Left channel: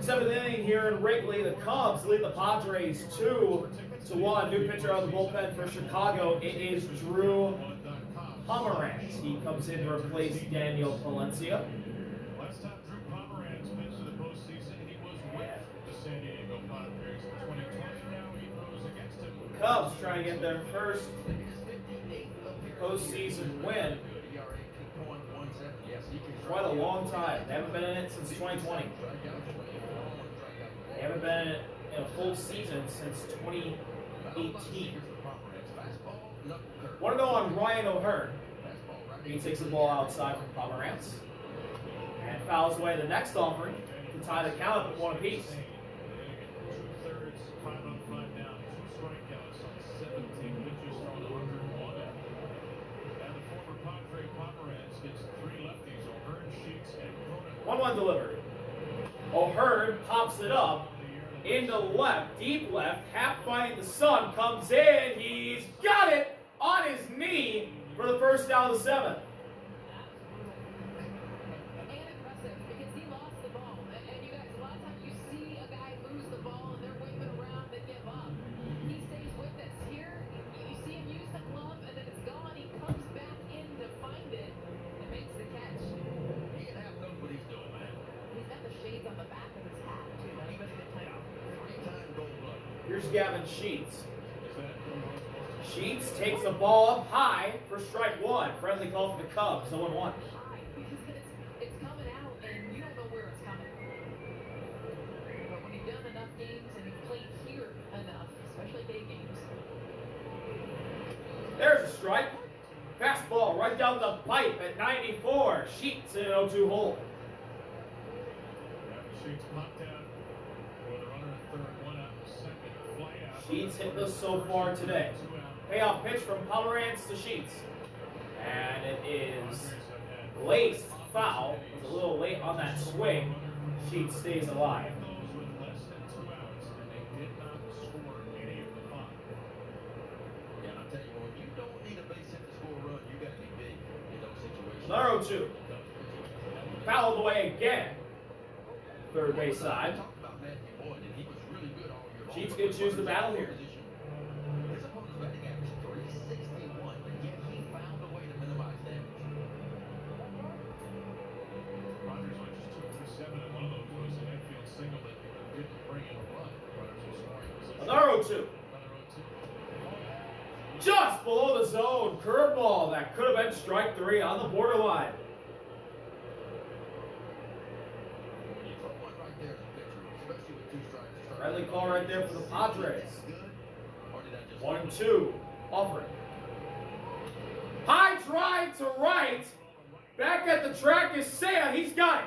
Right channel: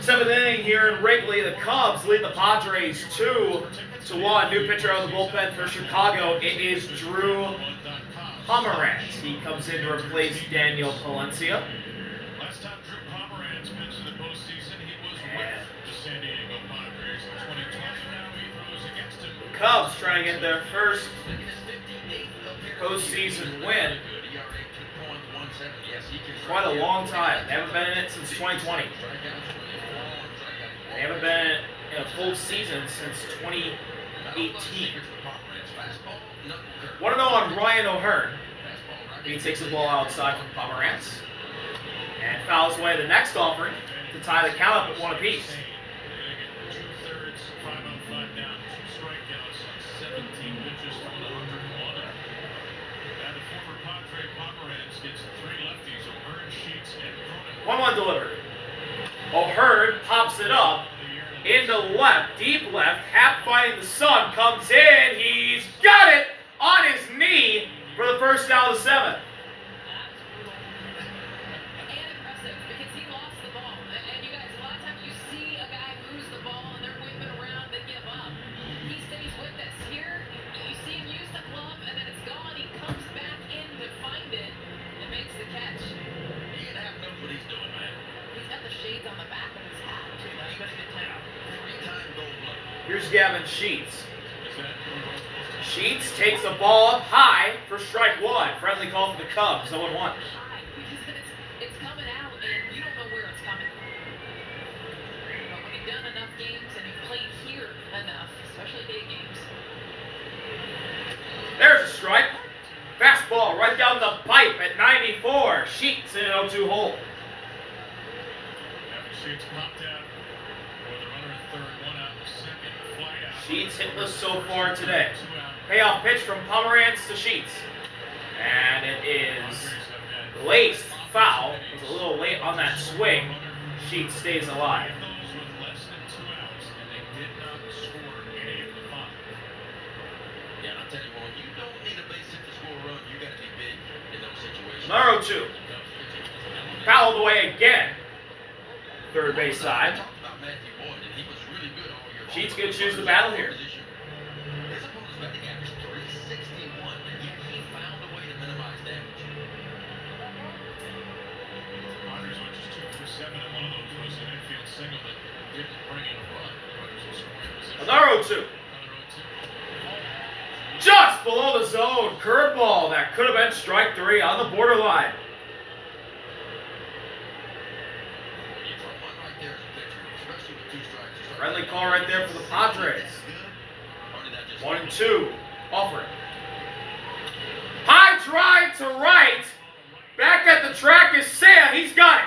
Seventh inning here in Wrigley. The Cubs lead the Padres 2-1. New pitcher out of the bullpen for Chicago. It is Drew Pomeranz. He comes in to replace Daniel Palencia. Last time Drew Pomeranz pitched in the postseason, he was with the San Diego Padres in 2020. Now he throws against him. The Cubs trying to get their first postseason win. Quite a long time. They haven't been in it since 2020. They haven't been in a full season since 2018. Want to know on Ryan O'Hearn. He takes the ball outside from Pomeranz and fouls away the next offering to tie the count up at 1 apiece. One delivered. O'Hearn pops it up into left, deep left. Hap fighting the sun, comes in. He's got it on his knee for the first out of the 7th. Here's Gavin Sheets. Sheets takes the ball up high for strike 1. Friendly call for the Cubs, 0-1. It's coming out and you don't know where it's coming from. But when you've done enough games and you've played here enough, especially big games. There's a strike. Fastball right down the pipe at 94. Sheets in an 0-2 hole. Sheets popped out. Sheets hitless so far today. Payoff pitch from Pomeranz to Sheets. And it is laced foul. It's a little late on that swing. Sheets stays alive. Another 0-2. Fouled away again. Third base side. Sheets could choose the battle here. Another 0-2. Just below the zone. Curveball that could have been strike 3 on the borderline. Friendly call right there for the Padres. 1-2. Offering. High drive to right. Back at the track is Sam. He's got it.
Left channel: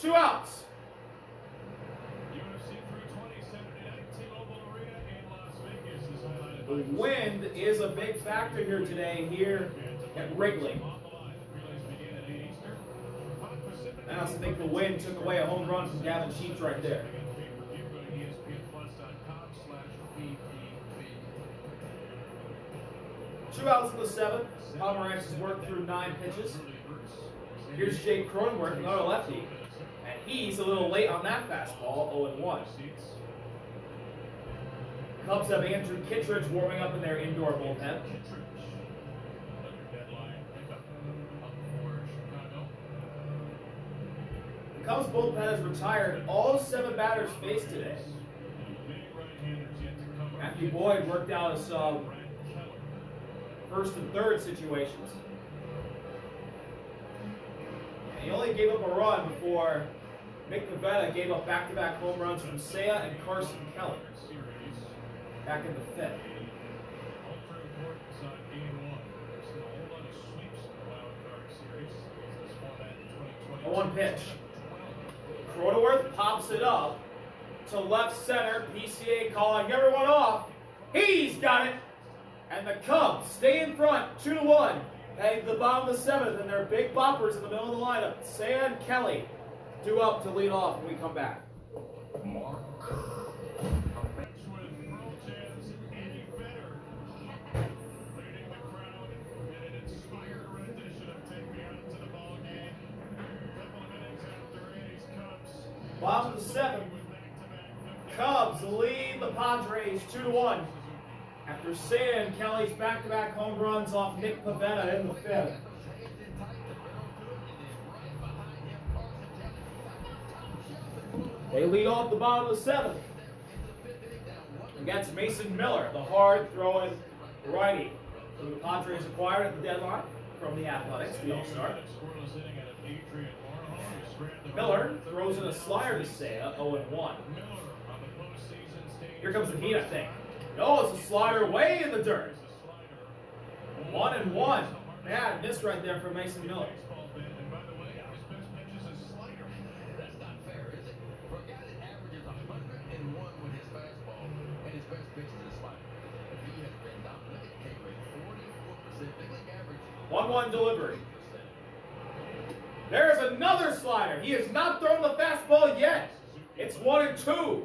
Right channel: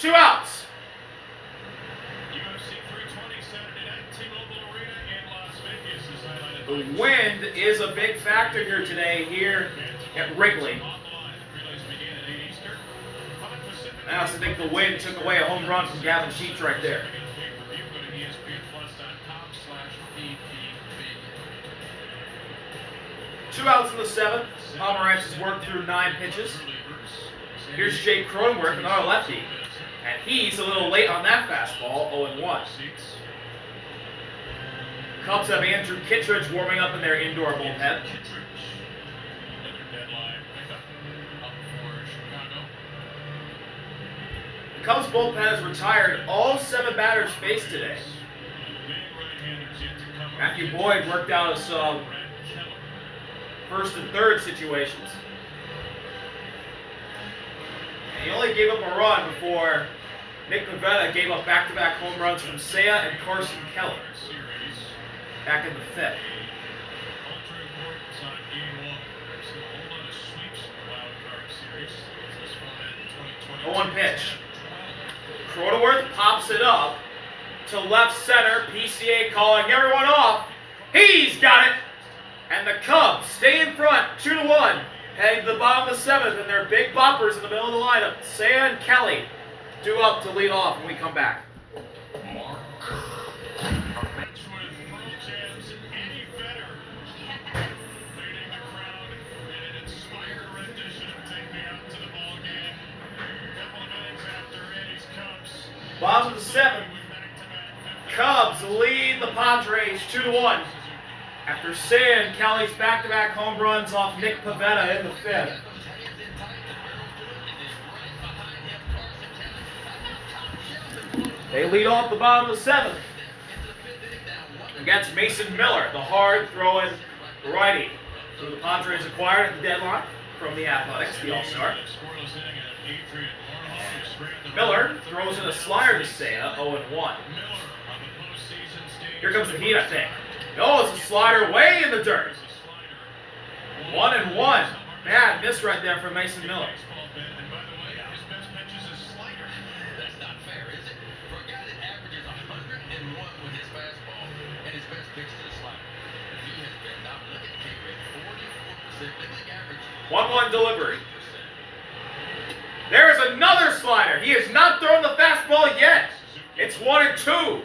2 outs. The wind is a big factor here today here at Wrigley. I also think the wind took away a home run from Gavin Sheets right there. 2 outs in the 7th. Pomeranz has worked through 9 pitches. Here's Jake Cronenworth, another lefty. And he's a little late on that fastball, 0-1. Cubs have Andrew Kittredge warming up in their indoor bullpen. The Cubs bullpen has retired all 7 batters faced today. Matthew Boyd worked out some first and third situations. And he only gave up a run before Nick Pivetta gave up back-to-back home runs from Seiya and Carson Keller back in the 5th. 0-1 pitch. Cronenworth pops it up to left center. PCA calling everyone off. He's got it. And the Cubs stay in front, 2-1. Heading to the bottom of the 7th, and their big boppers in the middle of the lineup. Seiya and Kelly due up to lead off when we come back. Bottom of the seventh. Cubs lead the Padres 2-1 after Seiya and Kelly's back-to-back home runs off Nick Pivetta in the fifth. They lead off the bottom of the seventh against Mason Miller, the hard-throwing righty who the Padres acquired at the deadline from the Athletics, the All-Star. Miller throws in a slider to Seiya, 0-1. Here comes the heat, I think. No, it's a slider way in the dirt. 1-1. Bad miss right there from Mason Miller. One delivery. There is another slider. He has not thrown the fastball yet. It's 1-2.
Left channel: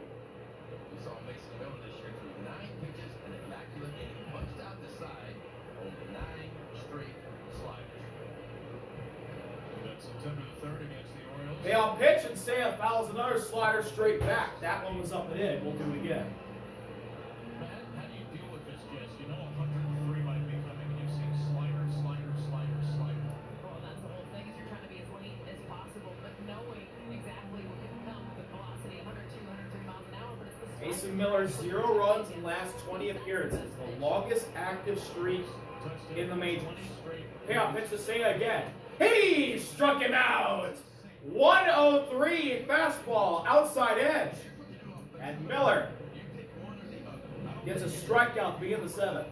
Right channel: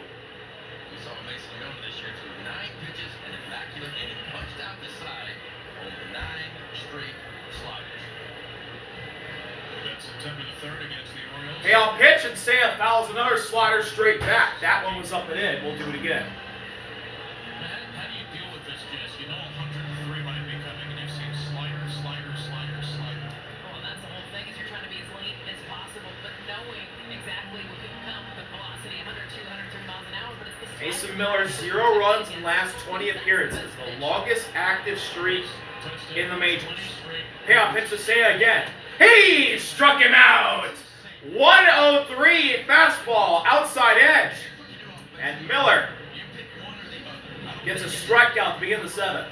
Payoff pitch, and Seiya fouls another slider straight back. That one was up and in. We'll do it again. How do you deal with this, Jess? You know 103 might be coming, and you've seen slider. Well, that's the whole thing, is you're trying to be as late as possible, but knowing exactly what can come with velocity, 102, 103 miles an hour, but it's the Mason Miller, 0 runs in last 20 appearances. The longest active streak in the majors. Payoff pitch to Seiya again. He struck him out! 103 fastball, outside edge. And Miller gets a strikeout to begin the seventh.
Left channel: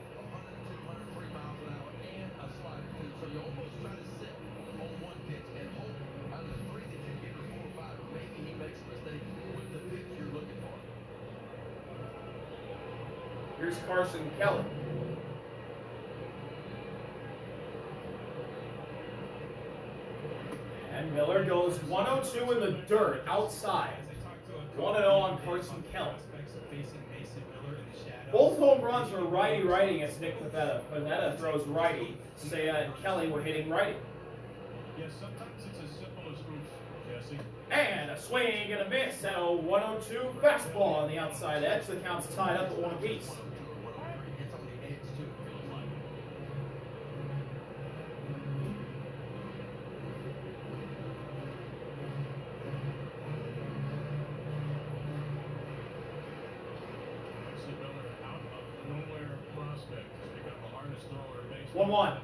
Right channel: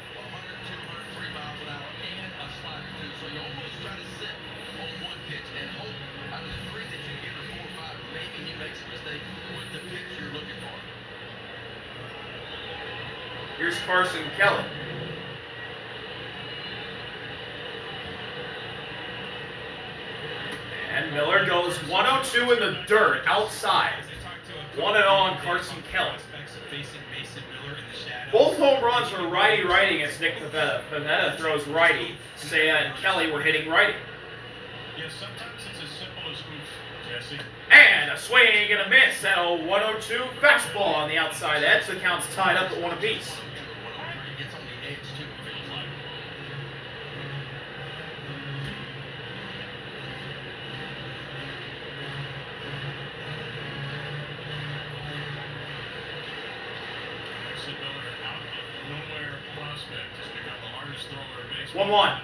Here's Carson Kelly. And Miller goes 102 in the dirt, outside. 1-0 on Carson Kelly. Both home runs were righty-righty against Nick Pivetta. Pivetta throws righty. Seiya and Kelly were hitting righty. Yeah, sometimes it's as simple as oops, Jesse. And a swing and a miss at a 102 fastball on the outside edge. The count's tied up at 1 apiece. Miller out of nowhere prospect has become the hardest thrower in baseball. 1-1.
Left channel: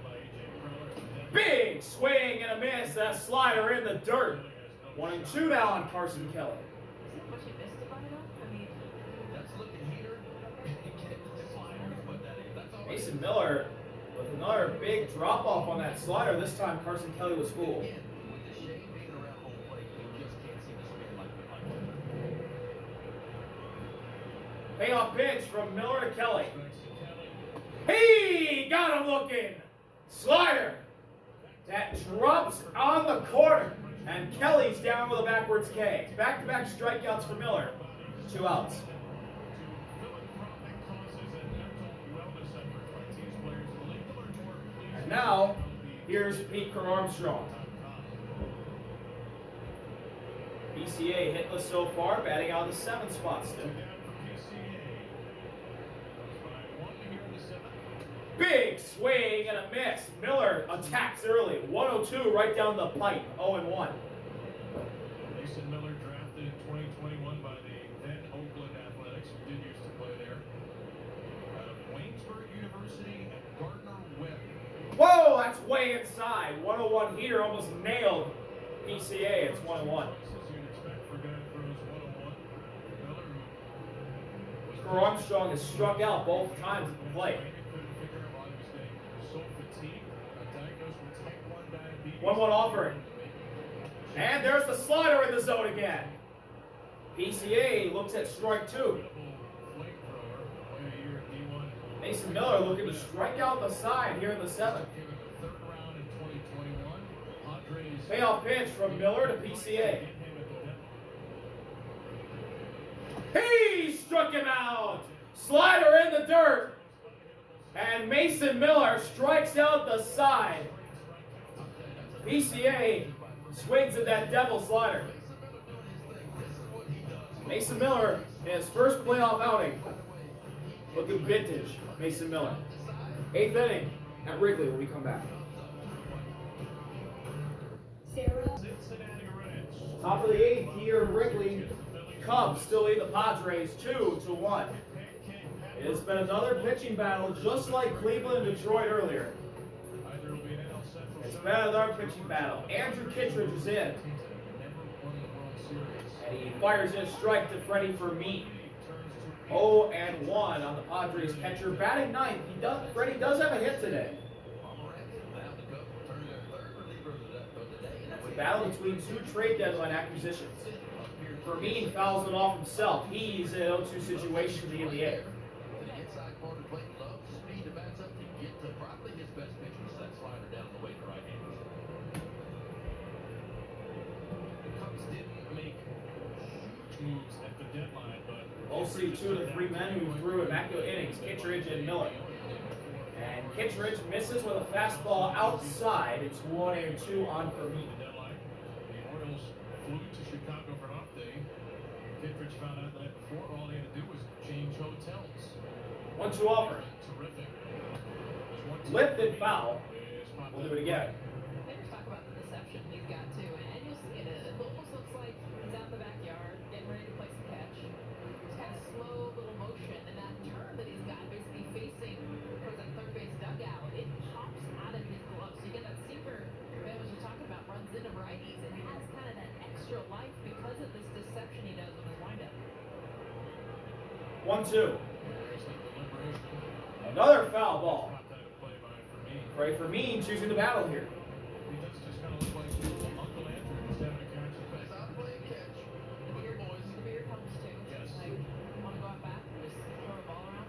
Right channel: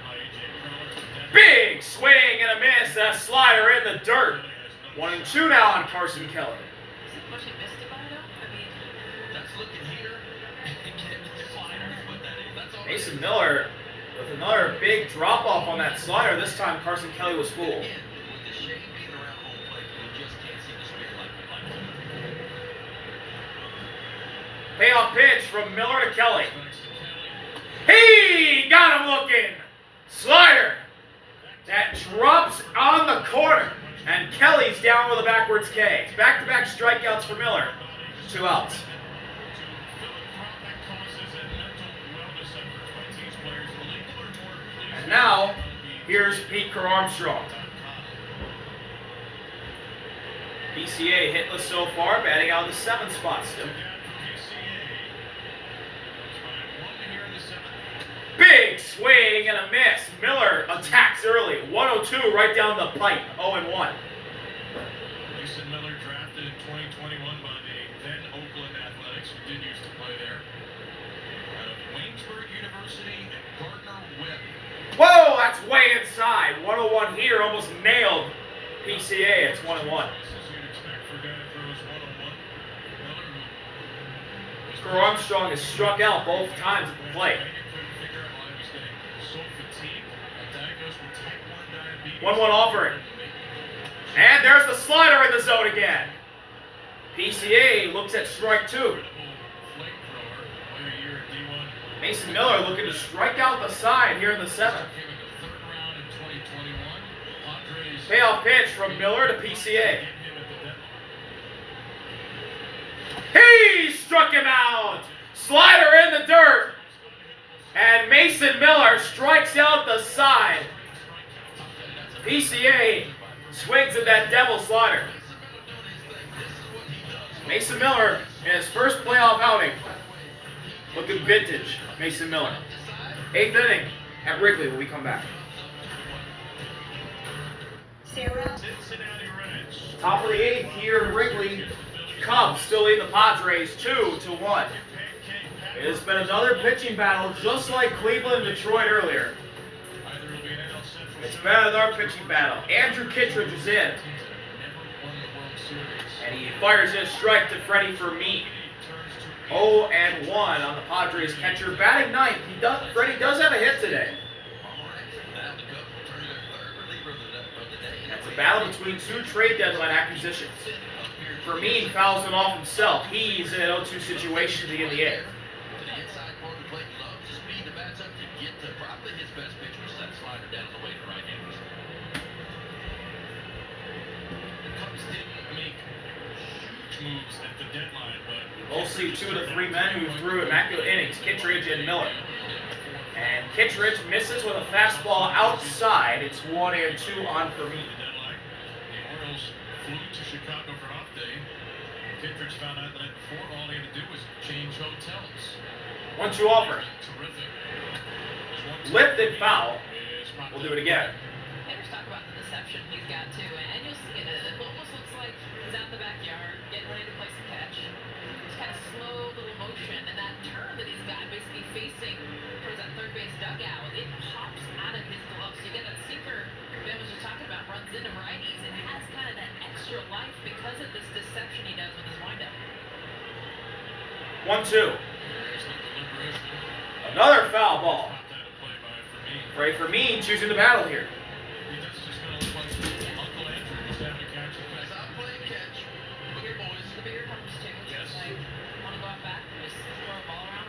Big swing and a miss. That slider in the dirt. 1-2 now on Carson Kelly. Is it much he missed it by, though? I mean, That's looking here. Mason Miller with another big drop off on that slider. This time Carson Kelly was fooled. With the shade being around home plate, we just can't see the speed like we like. Payoff pitch from Miller to Kelly. He got him looking. Slider that drops on the corner. And Kelly's down with a backwards K. Back-to-back strikeouts for Miller. 2 outs. And now, here's Pete Armstrong. PCA hitless so far, batting out of the 7th spot still. Big swing and a miss. Miller attacks early. 102 right down the pipe. 0-1. Mason Miller drafted in 2021 by the then Oakland Athletics, who did used to play there. Out of Waynesburg University and Gardner-Webb. Whoa, that's way inside. 101 here, almost nailed PCA. It's 1-1. You'd expect for a guy that throws 101. Miller, Armstrong has struck out both times at the plate. 1-1 offering. And there's the slider in the zone again. PCA looks at strike 2. Mason Miller looking to strike out the side here in the 7th. Payoff pitch from Miller to PCA. He struck him out. Slider in the dirt. And Mason Miller strikes out the side. PCA swings at that devil slider. Mason Miller in his first playoff outing. Looking vintage, Mason Miller. 8th inning at Wrigley when we come back. Cincinnati Reds. Top of the 8th here in Wrigley. Cubs still lead the Padres 2-1. It has been another pitching battle just like Cleveland and Detroit earlier. It's been another pitching battle. Andrew Kittredge is in. And he fires in a strike to Freddie Fermin. 0-1 on the Padres catcher. Batting ninth. Freddie does have a hit today. That's a battle between two trade deadline acquisitions. Fermin fouls it off himself. He's in an 0-2 situation to begin the 8th. Moves at the deadline, but Mostly 2 of the 3 men who threw immaculate innings, Kittredge and Miller. And Kittredge misses with a fastball outside. It's 1-2 on Fermin. the deadline, the Orioles flew to Chicago for off day. Kittredge found out that before all he had to do was change hotels. 1-2 offer. Terrific. Lifted foul. We'll do it again. Hitters talk about the deception he's got too, and you'll see it. It almost looks like he's out in the backyard, getting ready to play some catch. It's kind of slow little motion, and that turn that he's got basically facing towards that third base dugout, it pops out of his glove. So you get that sinker Ben was just talking about, runs into righties and has kind of that extra life because of this deception he does with his windup. 1-2. Another foul ball. Freddie Fermin choosing the battle here. The bigger comes too. It's like, want to go out back and just throw a ball around?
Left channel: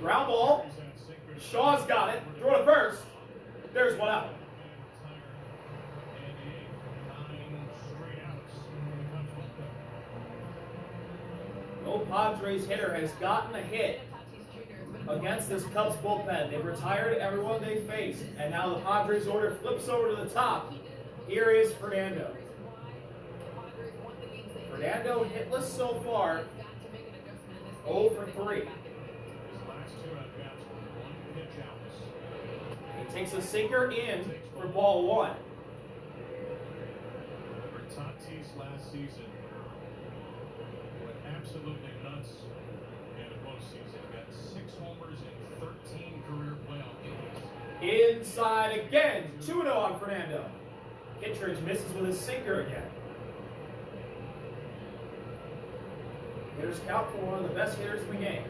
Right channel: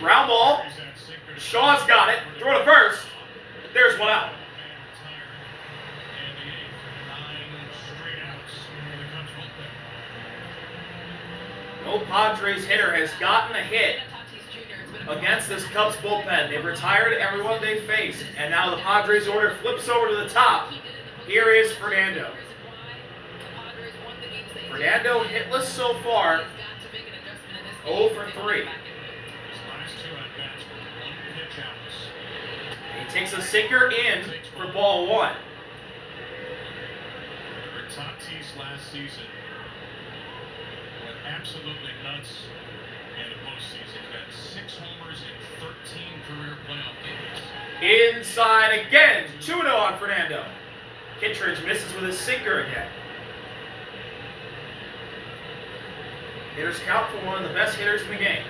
Ground ball. Shaw's got it. Throw to first. There's one out. No Padres hitter has gotten a hit against this Cubs bullpen. They've retired everyone they faced, and now the Padres order flips over to the top. Here is Fernando. Fernando hitless so far, 0 for 3. He takes a sinker in for ball 1. Tatis last season went absolutely nuts in the postseason. Got 6 homers in 13 career playoff games. Inside again. 2-0 on Fernando. Kittredge misses with a sinker again. Hitters count for one of the best hitters in the game.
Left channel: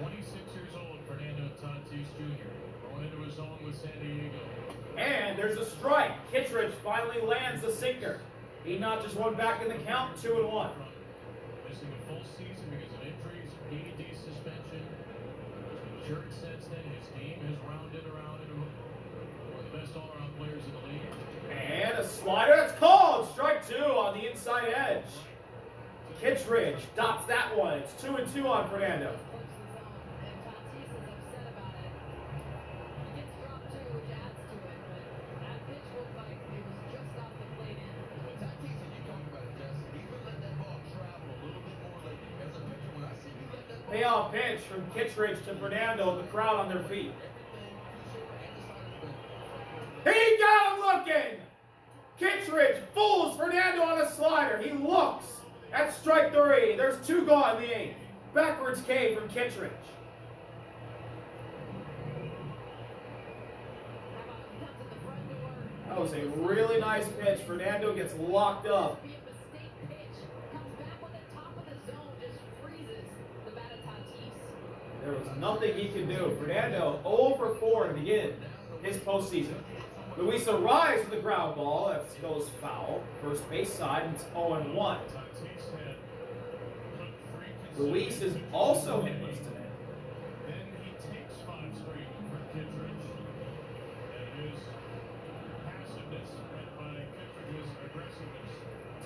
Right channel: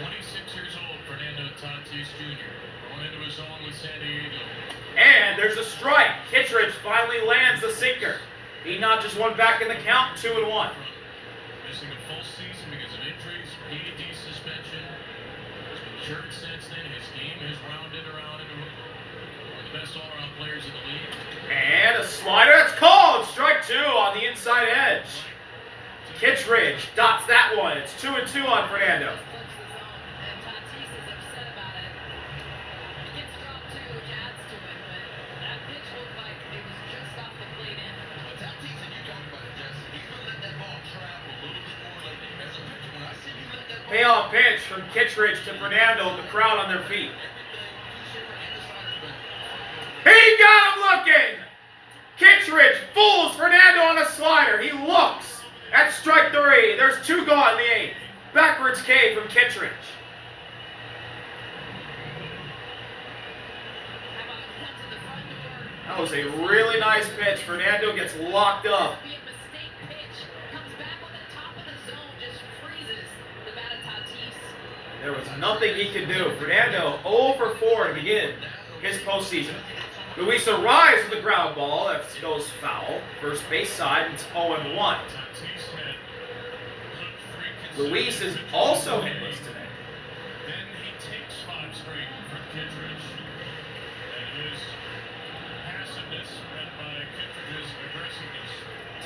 26 years old, Fernando Tatis Jr. Going into his own with San Diego. And there's a strike. Kittredge finally lands the sinker. He notches one back in the count, 2-1. Missing a full season because of injuries, PED suspension. He's been injured since then. His game has rounded around into one of the best all-around players in the league. And a slider. That's called. Strike 2 on the inside edge. Kittredge dots that one. It's 2-2 on Fernando. And Tatis is upset about it. He gets dropped too, which adds to it, but that pitch looked like it was just off the plate end. Well, Tatis, and you talked about it, Jesse, he's gonna let that ball travel a little bit more lately. As a pitcher, when I see you let that ball Payoff pitch from Kittredge to Fernando. The crowd on their feet. He got him looking. Kittredge fools Fernando on a slider. He looks. That's strike 3. There's 2 gone in the 8th. Backwards K from Kittredge. How about he comes to the front door? That was a really nice pitch. Fernando gets locked up. Be a mistake pitch. Comes back with the top of the zone, just freezes the bat of Tatis. There was nothing he could do. Fernando 0 for 4 to begin his postseason. Luis arrives with the ground ball. That goes foul. First base side, it's 0-1. Tatis had Luis is also hitless today. Then he takes 5 straight from Kittredge. And his passiveness met by Kittredge's aggressiveness.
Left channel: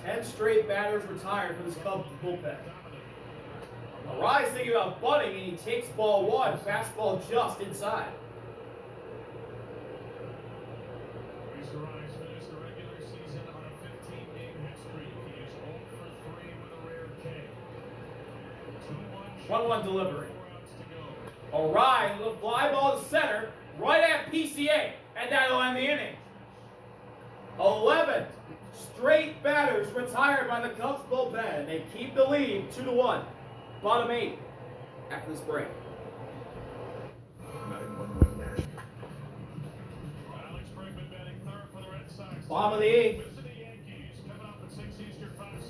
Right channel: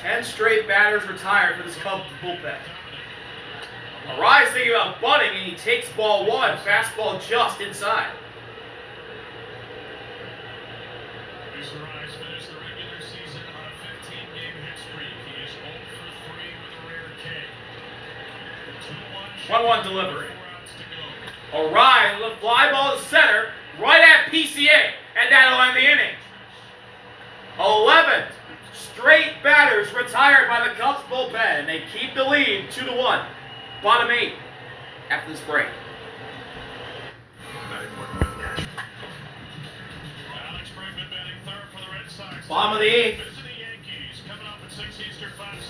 10 straight batters retired for this Cubs bullpen. Arise thinking about bunting, and he takes ball 1. Fastball just inside. Luis Arraez finished the regular season 1-1 delivery. O'Ryan, the fly ball to center, right at PCA, and that'll end the inning. 11 straight batters retired by the Cubs bullpen, and they keep the lead 2-1. Bottom 8 after this break. Bottom of the 8th.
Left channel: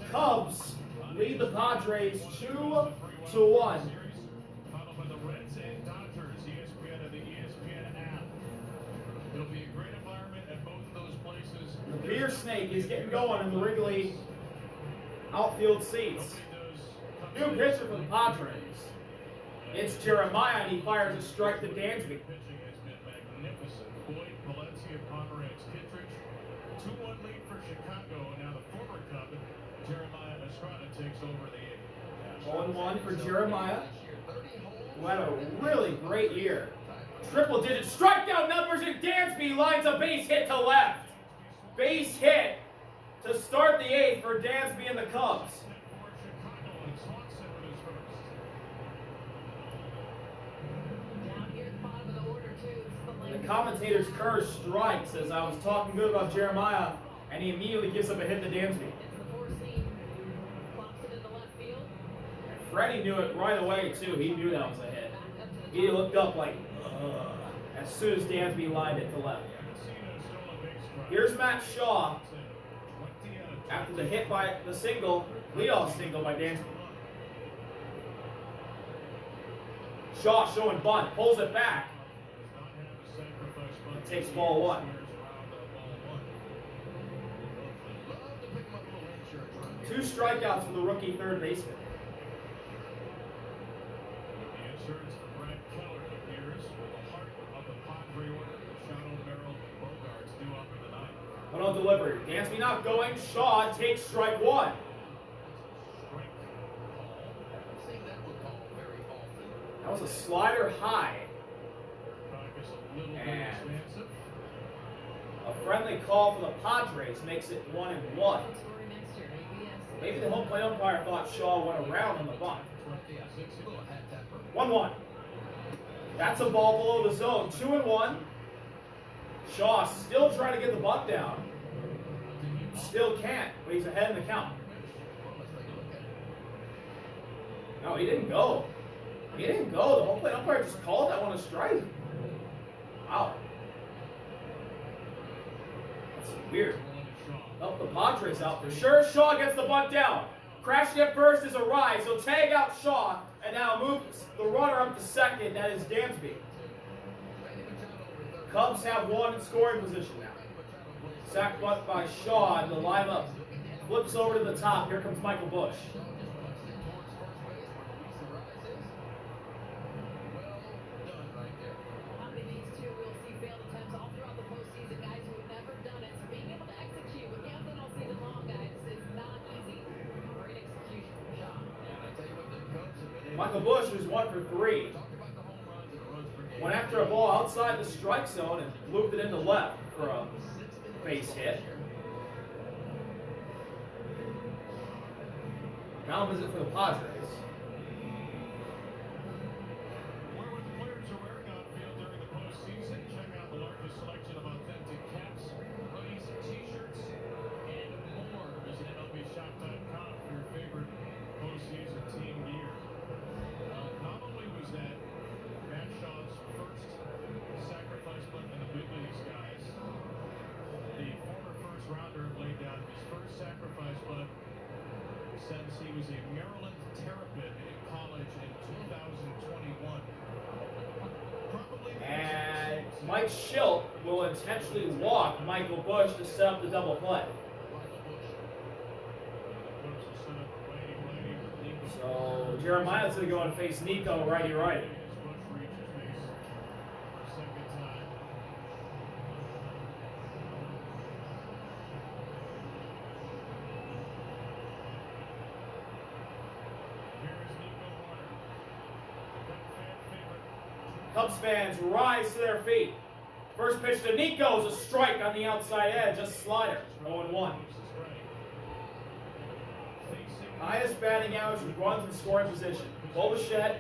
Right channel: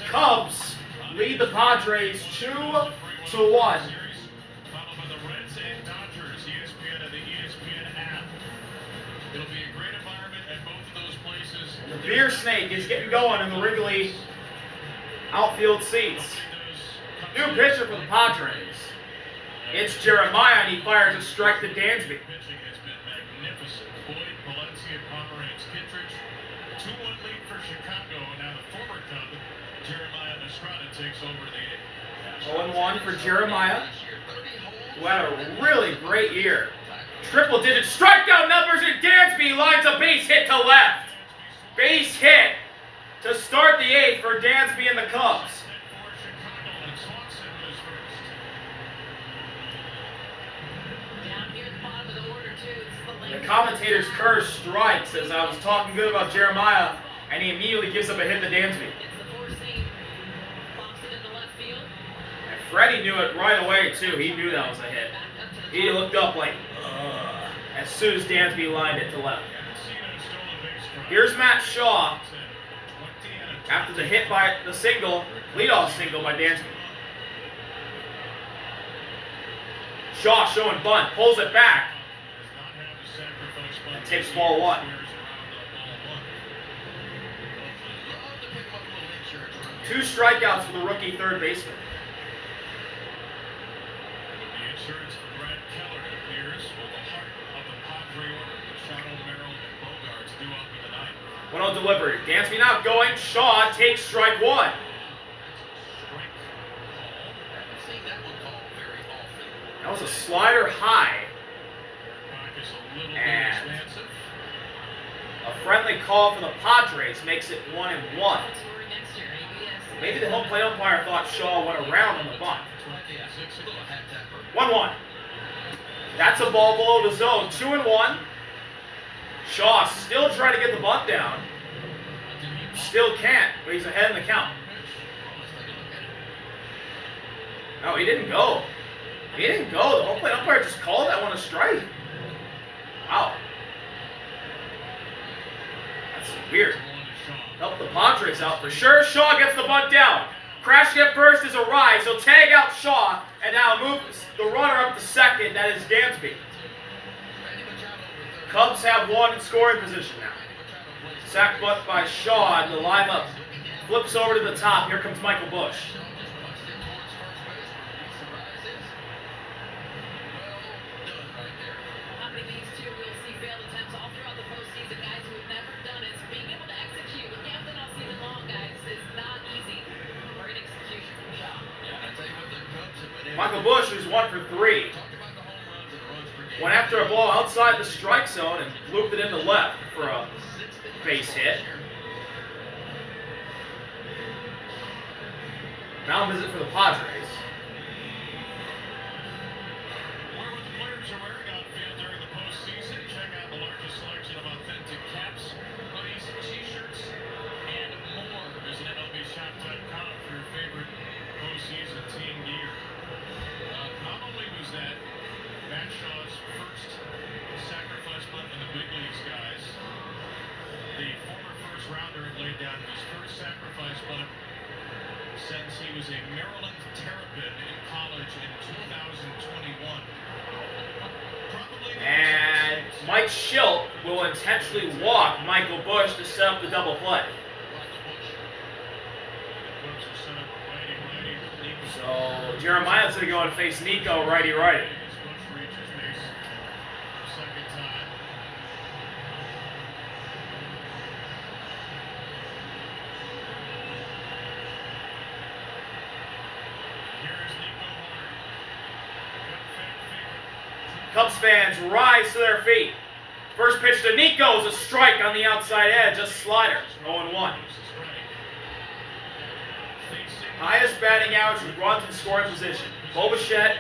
Cubs lead the Padres 2-1. Followed by the Reds and Dodgers, ESPN and the ESPN app. It'll be a great environment at both of those places. The beer snake is getting going in the Wrigley outfield seats. New pitcher for the Padres. It's Jeremiah, and he fires a strike to Dansby. Pitching has been magnificent. Boyd, Valencia, Pomeranz, Kittredge. 2-1 lead for Chicago, and now the former Cub, Jeremiah Estrada, takes over the 0-1 for Jeremiah, who had a really great year. Triple-digit strikeout numbers, and Dansby lines a base hit to left. Base hit to start the 8th for Dansby and the Cubs. Down here at the bottom of the order, too. This is the The commentator's curse strikes as I was talking good about Jeremiah, and he immediately gives up a hit to Dansby. It's the four seam. Pops it into left field. And Freddie knew it right away, too. He knew that was a hit. Back up to the He looked up like, ugh, as soon as Dansby lined it to left. Here's Matt Shaw after the hit by the single, leadoff single by Dansby. Shaw showing bunt, pulls it back, and takes ball 1. 2 strikeouts for the rookie third baseman. The insurance for Brad Keller appears with the heart of the Padre order. Machado, Merrill, and Bogarts due up in the 9th. 1-0 delivery. Dansby not going. Shaw takes strike 1. That was a slider high. And a friendly call for the Padres makes it 1-1. Maybe the home plate umpire thought Shaw went around on the bunt. 1-1. That's a ball below the zone. 2-1. Shaw still trying to get the bunt down. Still can't, but he's ahead in the count. No, he didn't go. He didn't go. The home plate umpire just called that one a strike. Wow. That's weird. Help the Padres out for sure. Shaw gets the bunt down. Crashing at first is a rise. He'll tag out Shaw and now move the runner up to second. That is Dansby. Cubs have 1 in scoring position now. Sack bunt by Shaw, and the lineup flips over to the top. Here comes Michael Busch. How many of these two will see failed attempts all throughout the postseason? Guys who have never done it. Being able to execute what they have done all season long, guys, is not easy. Great execution from Shaw. Michael Busch was 1 for 3. Went after a ball outside the strike zone and looped it into left for a base hit. Now visit for the Padres. Where were the players are wearing outfield during the postseason? Check out the largest selection of authentic caps, hoodies, t-shirts, and more. Visit MLBShop.com for your favorite postseason team gear. Not only was that Matt Shaw's first sacrifice bunt in the big leagues, guys, the former first rounder had laid down his first sacrifice bunt since he was a Maryland Terrapin in college in 2021. And Mike Schilt will intentionally walk Michael Busch to set up the double play. So Jeremiah's going to go and face Nico righty-righty. Cubs fans rise to their feet. First pitch to Nico is a strike on the outside edge, a slider, 0-1. Highest batting average with runs in scoring position. Bobichette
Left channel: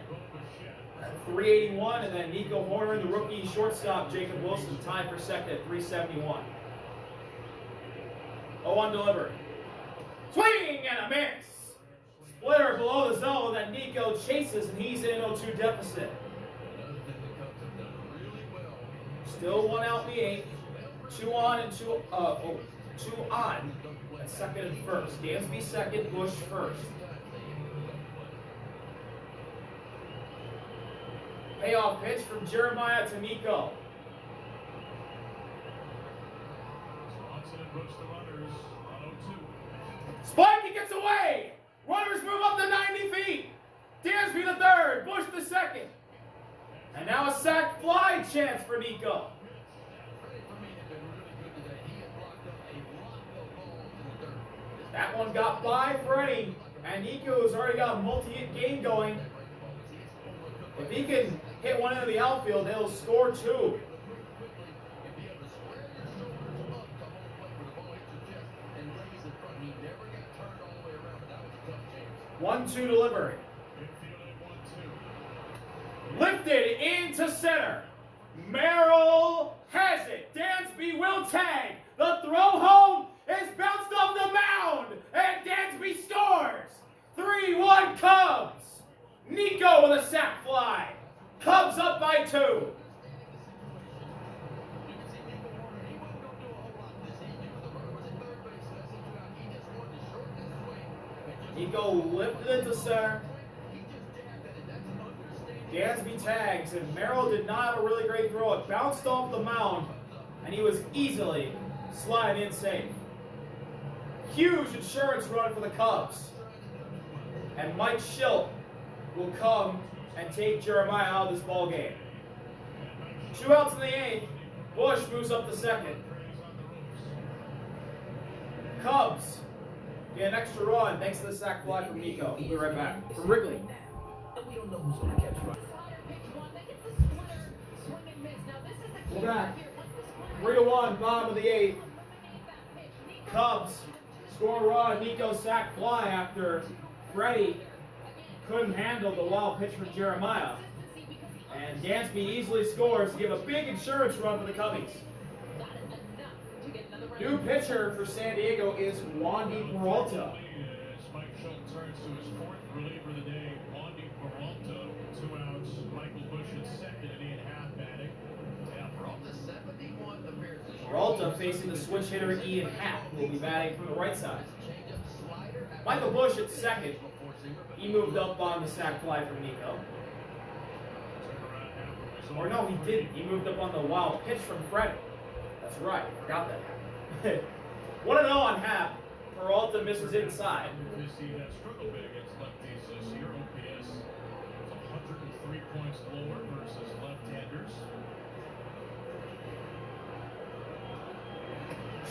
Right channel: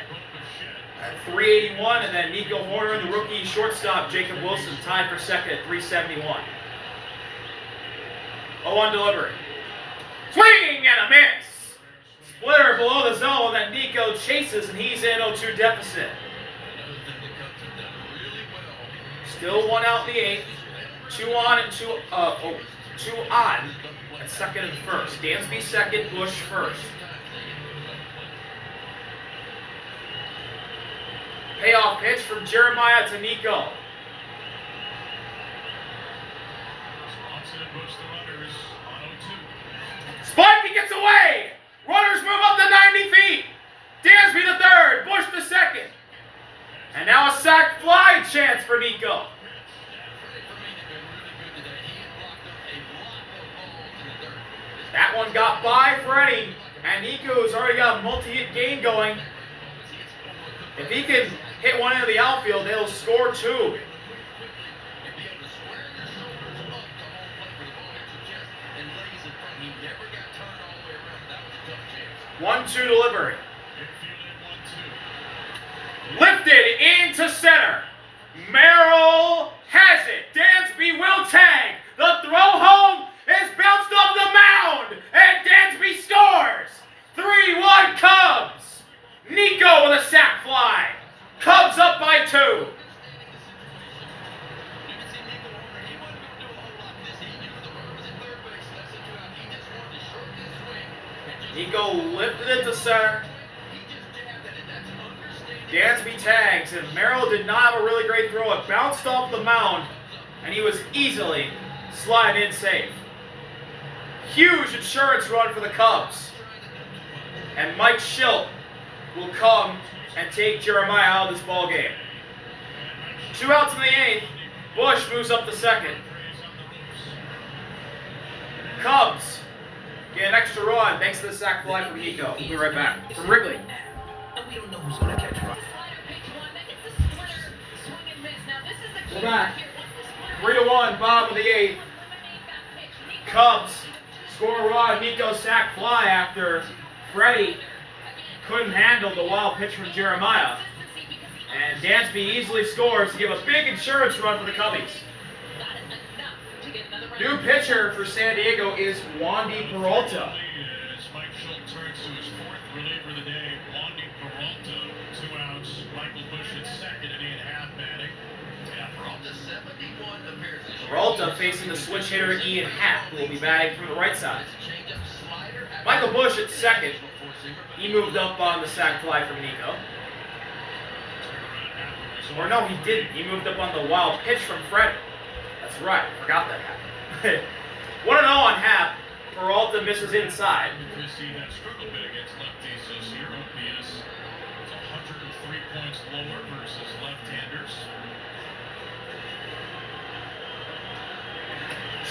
at 381, and then Nico Horner and the rookie shortstop Jacob Wilson tied for second at 371. 0-1 delivery. Swing and a miss. Splitter below the zone that Nico chases, and he's in 0-2 deficit. Still 1 out in the 8th. 2 on and 2 on at second and first. Dansby second, Bush first. Payoff pitch from Jeremiah to Nico. Spike, he gets away! Runners move up to 90 feet. Dansby to third, Bush to second. And now a sac fly chance for Nico. That one got by Freddie, and Nico's already got a multi-hit game going. If he can hit one into the outfield, they'll score 2. One-two delivery. Lifted into center. Merrill has it. Dansby will tag. The throw home is bounced off the mound, and Dansby scores. 3-1 Cubs. Nico with a sac fly. Cubs up by 2. Nico lifted into center. Dansby tags, and Merrill did not have a really great throw. It bounced off the mound, and he was easily sliding in safe. Huge insurance run for the Cubs. And Mike Schilt will come and take Jeremiah out of this ball game. 2 outs in the 8th. Bush moves up to second. Cubs get an extra run thanks to the sac fly from Nico. We'll be right back. From Wrigley. And we don't know who's going to catch fire. We're back. 3-1, bottom of the 8th. Cubs score a run. Nico sac fly after Freddie couldn't handle the wild pitch from Jeremiah. And Dansby easily scores to give a big insurance run for the Cubbies. New pitcher for San Diego is Wandy Peralta. Mike Schilt turns to his 4th reliever of the day, Wandy Peralta. 2 outs. Michael Bush at second at 8.5 batting. Yeah, Peralta 71 appearances. Peralta facing the switch hitter Ian Happ, who will be batting from the right side. Michael Bush at second. He moved up on the sac fly from Nico. Or no, he didn't. He moved up on the wild pitch from Fred. That's right. Forgot that happened. 1-0 on Happ. Peralta misses inside. Christie has struggled a bit against lefties this year. OPS is 103 points lower versus left-handers.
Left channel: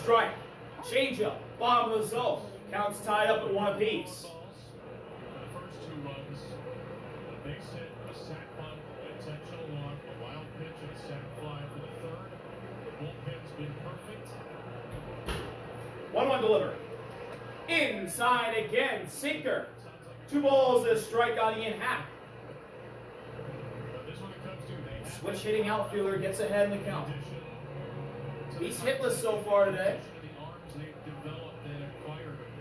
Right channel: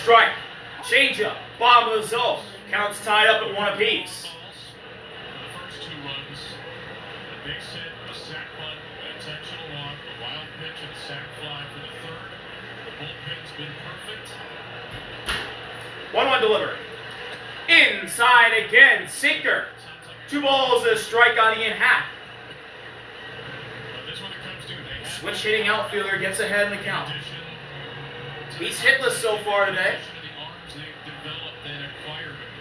Strike. Changeup. Bottom of the zone. Counts tied up at 1 apiece. The first 2 runs, a base hit, a sac bunt, an intentional walk, a wild pitch, and a sac fly for the 3rd. The bullpen's been perfect. 1-1 delivery. Inside again. Sinker. 2 balls and a strike on Ian Happ. But this one comes to they Switch hitting outfielder gets ahead in the count. He's hitless so far today.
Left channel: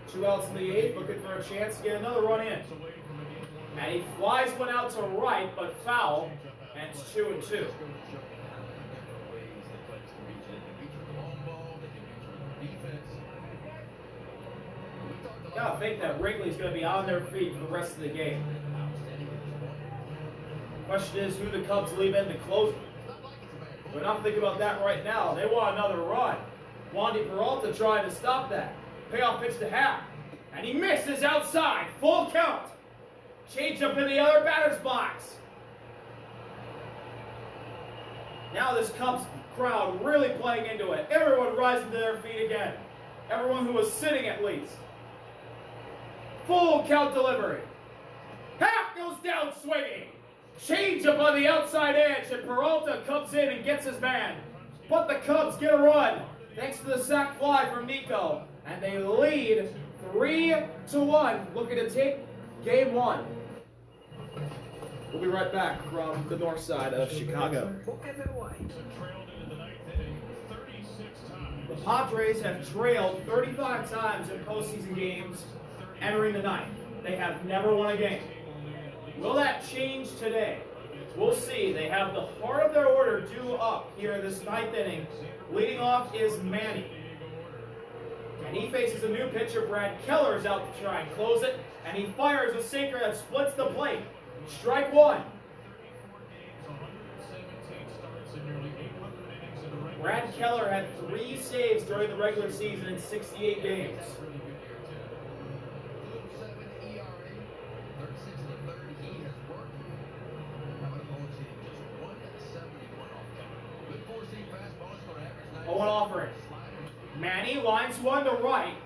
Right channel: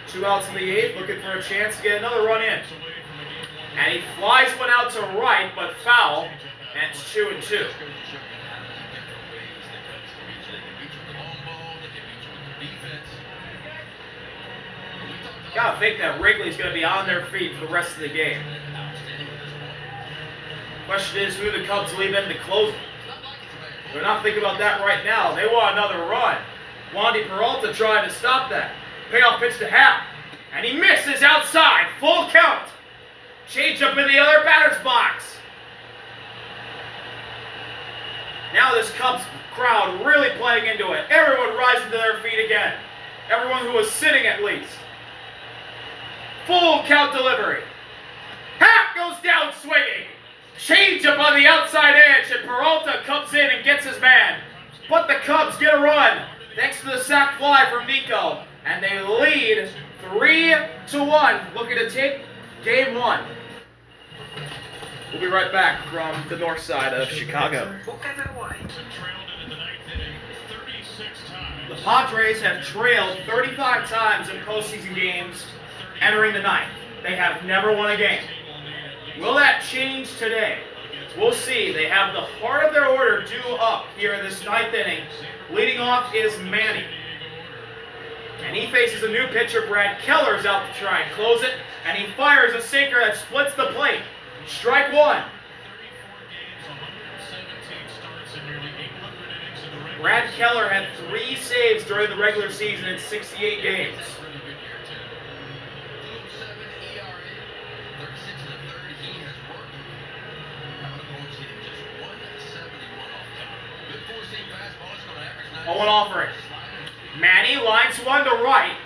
2 outs in the 8th, looking for a chance to get another run in. And he flies one out to right, but foul, and it's 2-2. Gotta think that Wrigley's gonna be on their feet for the rest of the game. Question is who the Cubs leave in to close it. They're not thinking about that right now. They want another run. Wandy Peralta trying to stop that. Payoff pitch to Happ. And he misses outside. Full count. Change up in the other batter's box. Now this Cubs crowd really playing into it. Everyone rising to their feet again. Everyone who was sitting at least. Full count delivery. Happ goes down swinging. Change up on the outside edge, and Peralta comes in and gets his man. But the Cubs get a run. thanks to the sac fly from Nico. And they lead 3-1, looking to take game one. We'll be right back from the north side of Chicago. The Padres have trailed 35 times in postseason games entering the ninth. They have never won a game. Will that change today? We'll see. They have the heart of their order due up here in this ninth inning. Leading off is Manny. And he faces a new pitcher. Brad Keller's out to try and close it. And he fires a sinker that splits the plate. Strike one. Brad Keller had 3 saves during the regular season in 68 games. Oh, an offering. Manny lines one to right,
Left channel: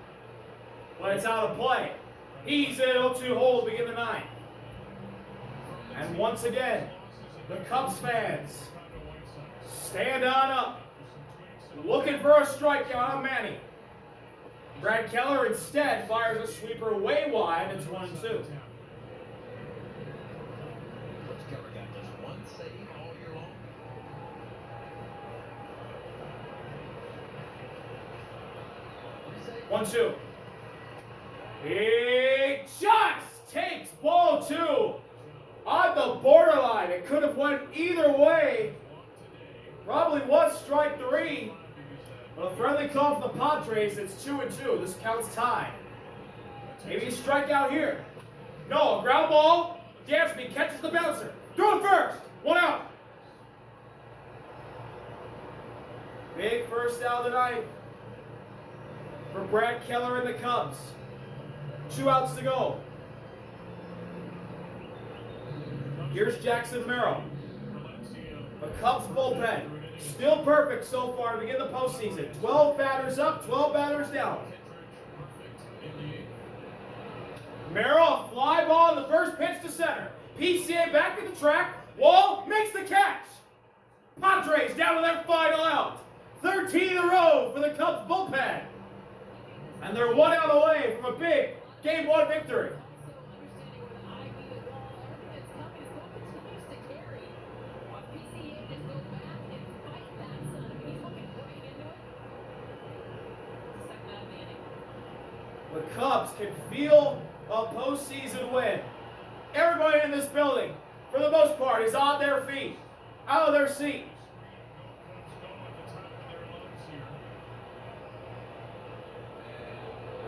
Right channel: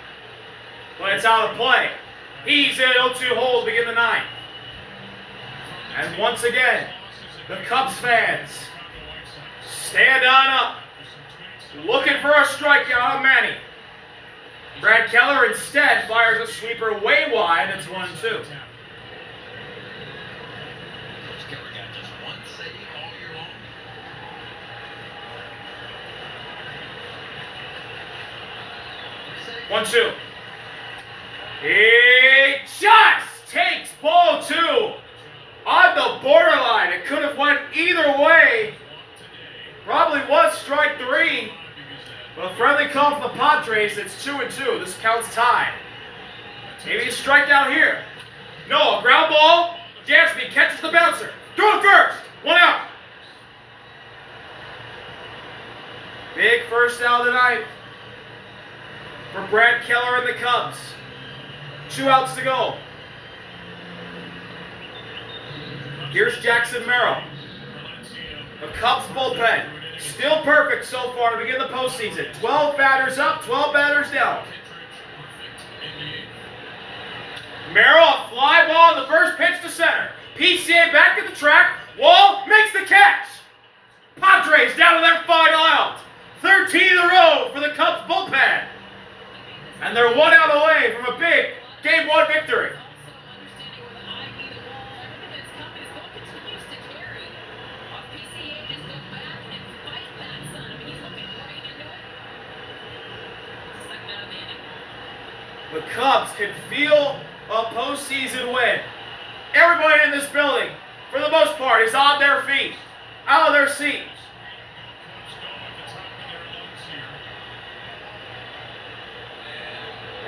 but it's out of play. He's in 0-2 hold to begin the ninth. And once again, the Cubs fans stand on up, looking for a strikeout on Manny. Brad Keller instead fires a sweeper way wide. It's 1-2. One, two. He just takes ball 2 on the borderline. It could have went either way. Probably was strike 3. But a friendly call for the Padres. It's 2-2. This counts tied. Maybe a strikeout here. No, a ground ball. Dansby catches the bouncer. Throw it first. 1 out. Big first out of the ninth for Brad Keller and the Cubs. 2 outs to go. Here's Jackson Merrill. The Cubs bullpen, still perfect so far to begin the postseason. 12 batters up, 12 batters down. Merrill, a fly ball on the first pitch to center. PCA back at the track. Wall makes the catch. Padres down to their final out. 13 in a row for the Cubs bullpen. And they're 1 out away from a big Game 1 victory. The Cubs can feel a postseason win. Everybody in this building, for the most part, is on their feet, out of their seat.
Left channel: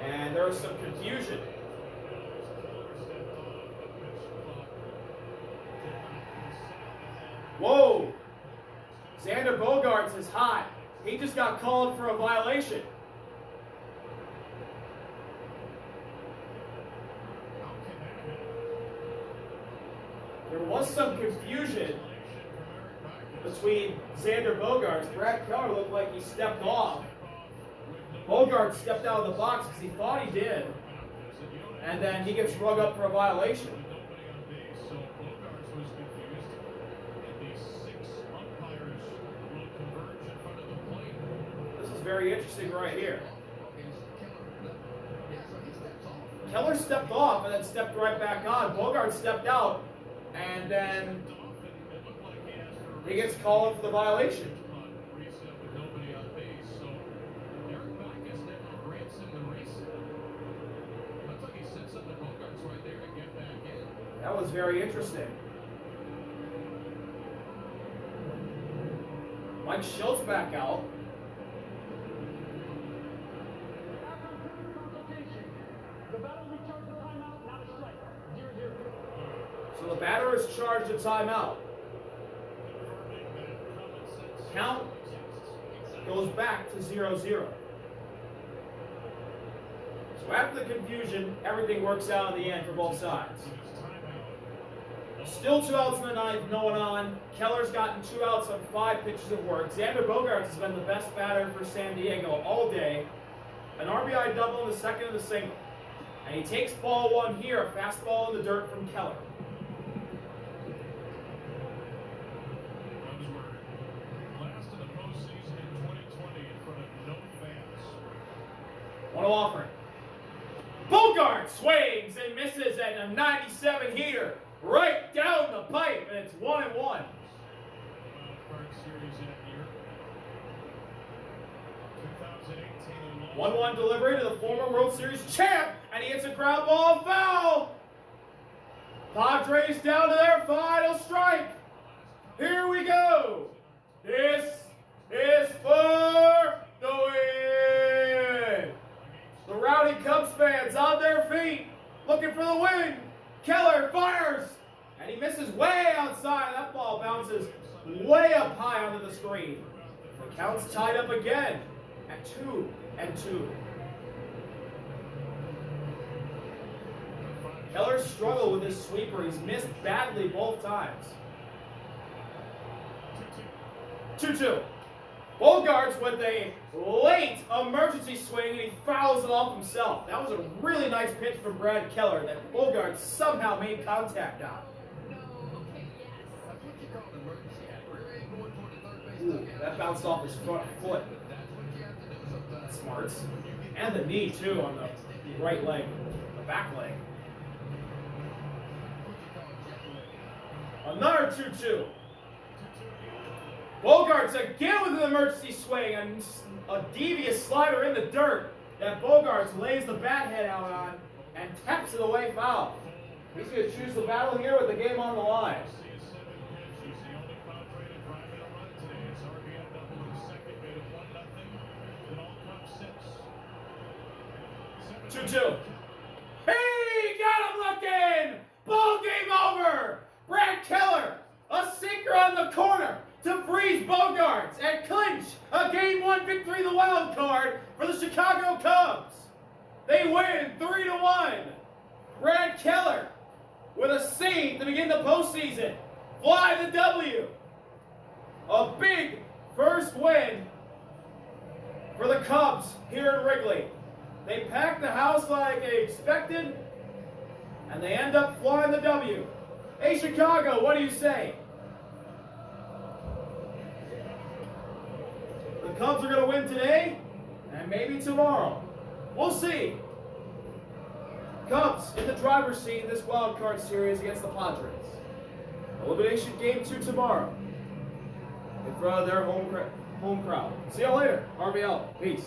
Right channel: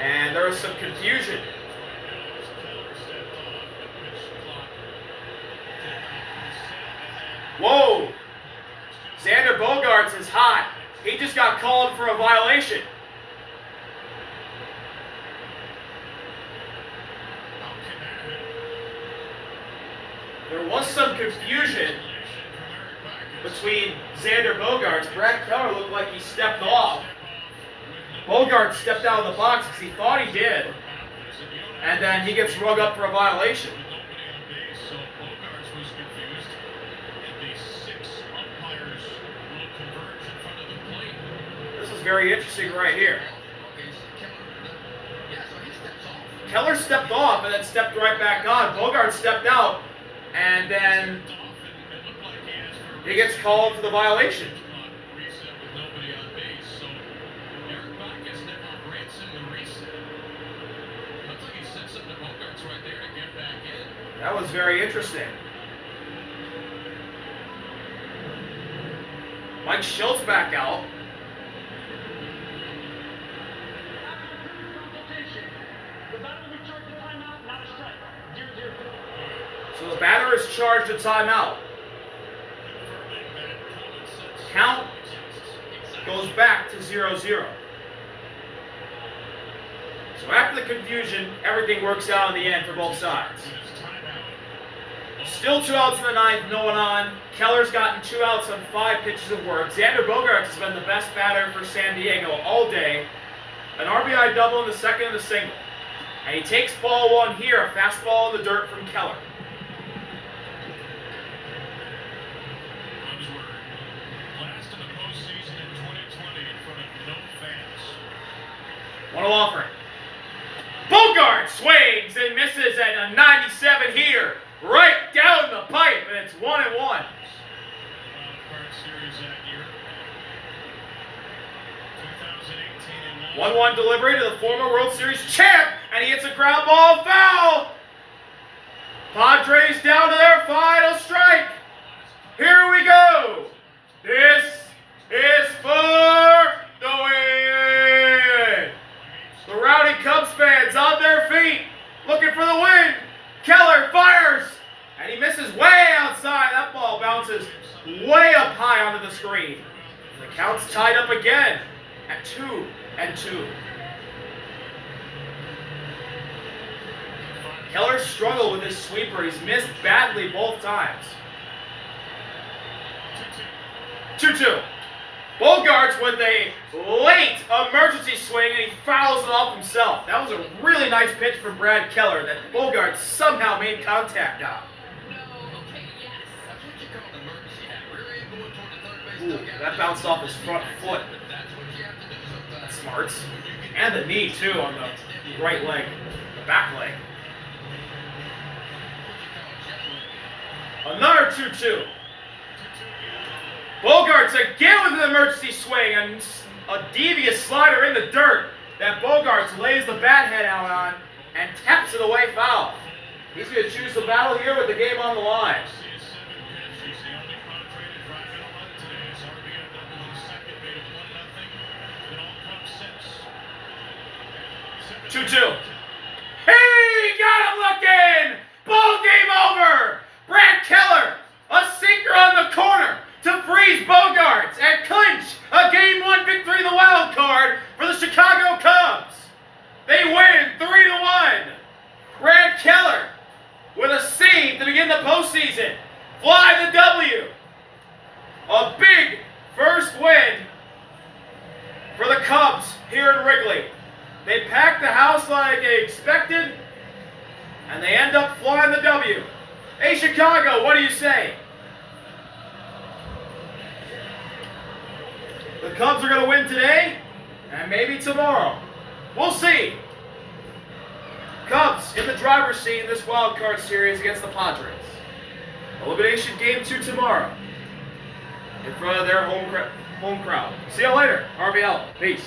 And there was some confusion. Whoa! Xander Bogaerts is hot. He just got called for a violation. There was some confusion between Xander Bogaerts. Brad Keller looked like he stepped off. Bogaerts stepped out of the box because he thought he did. And then he gets rung up for a violation. This is very interesting right here. Keller stepped off and then stepped right back on. Bogaerts stepped out and then he gets called for the violation. That was very interesting. Mike Schultz back out. So the batter is charged a timeout. Count goes back to 0-0. So after the confusion, everything works out in the end for both sides. Still 2 outs in the ninth, no one on. Keller's gotten 2 outs on 5 pitches of work. Xander Bogaerts has been the best batter for San Diego all day. An RBI double in the second and a single. And he takes ball 1 here, a fastball in the dirt from Keller. 1-0 offering. Bogart swings and misses at a 97 here, right down the pipe, and it's 1-1. Card series that year. 2018 and 1-1 delivery to the former World Series champ, and he hits a ground ball foul. Padres down to their final strike. Here we go. This is for the win. The rowdy Cubs fans on their feet, looking for the win. Keller fires, and he misses way outside. That ball bounces way up high onto the screen. The count's tied up again at 2-2. Keller struggled with his sweeper. He's missed badly both times. 2-2. Bogarts with a late emergency swing, and he fouls it off himself. That was a really nice pitch from Brad Keller that Bogarts somehow made contact on. Ooh, that bounced off his front foot. That's smart. And the knee, too, on the right leg, the back leg. Another 2-2. Bogarts again with an emergency swing and a devious slider in the dirt that Bogarts lays the bat head out on and taps it away foul. He's going to choose the battle here with the game on the line. 2-2. He got him looking! Ball game over! Brad Keller, a sinker on the corner to freeze Bogarts and clinch a Game 1 victory in the wild card for the Chicago Cubs. They win 3-1. Brad Keller with a save to begin the postseason. Fly the W. A big first win for the Cubs here in Wrigley. They packed the house like they expected, and they end up flying the W. Hey, Chicago, what do you say? The Cubs are going to win today, and maybe tomorrow. We'll see. Cubs in the driver's seat in this wild card series against the Padres. Elimination game 2 tomorrow in front of their home crowd. See you later. RVL. Peace.